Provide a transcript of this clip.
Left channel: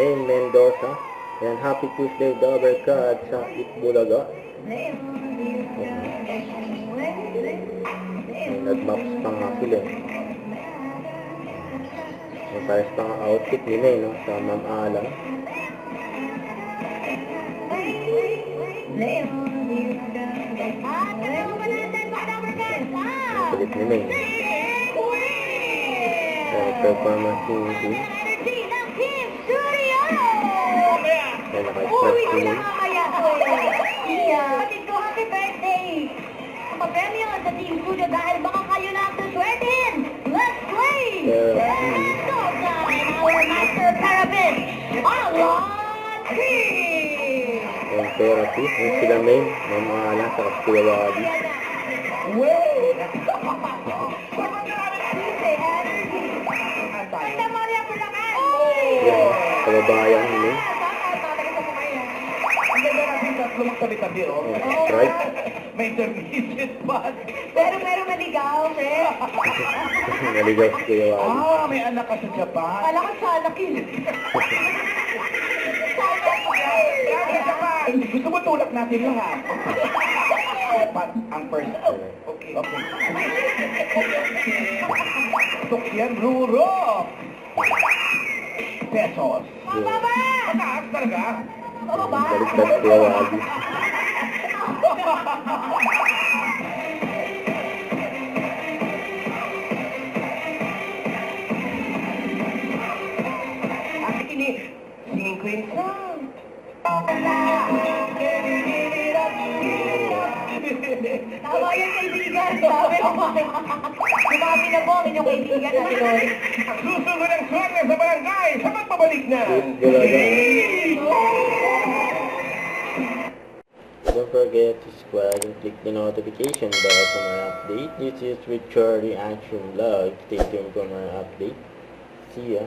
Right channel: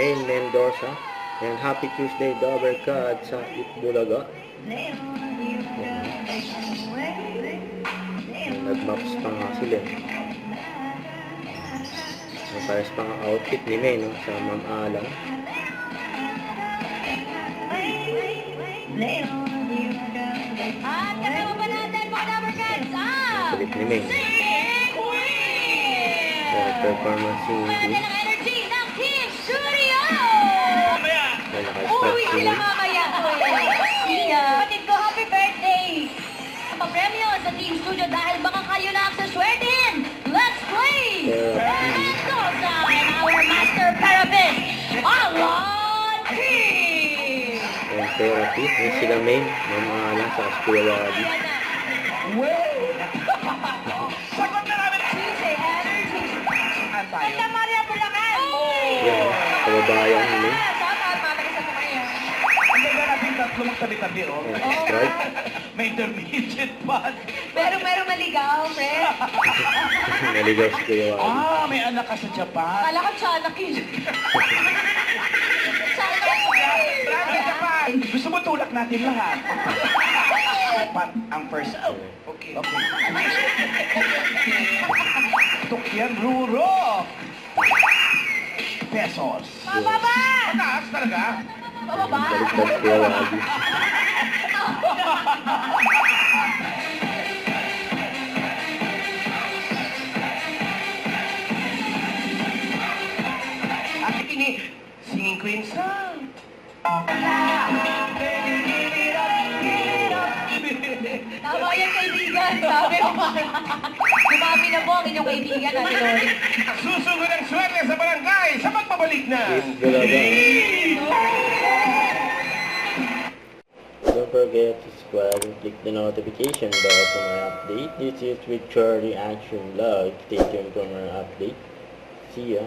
Maine Mendoza. Ayan, Happy Tuesday, Doberka at sa Itbulaga. Nag-maps pa nga sila. Nasayos pa ang outfit ni May, no? Sa Ma'am Alan. Ang kulit ni May. Performance singing. Ay, naka-start singing. Kapatid ko, happy birthday! Papremyo sa Team Studio dahil baka kayo lang sa swertin. Let's play! Let's go time! Our master therapist, Alon King! Ayan, therapy. Ayan sila May. Ma'am Alan sa Aspirawadi. Sagot na namin! Tuesday, energy! Santa Maria Bulacan! Ayan, kababayan ni May. Ang ganda natin tatlo lang tabi-tabi, oh. Strike. May intermediate pa. Pero maligaw, Fred. Naligaw si Kuya Wally. Ah, may anak ka sa Japan. Kala ko Chanaki. Japan! Gusto mo tulak natin lahat? Japan ang first. Okay. Tukyan Ruro. Pesos. Pababa! Mataas talaga? Pababa! Baliktad si Kuya Wally. Ang ini, singing queen song. Tama yung kaibigan, sabi mo. Dumami na po ang inyong kaibigan natin, Lord. Susunod ang swerte sa barangay sa pagbabalik na. Don't forget to subscribe and click the notification bell for my update. This is with Charlie Action Vlog. Stay tuned for more update. See ya.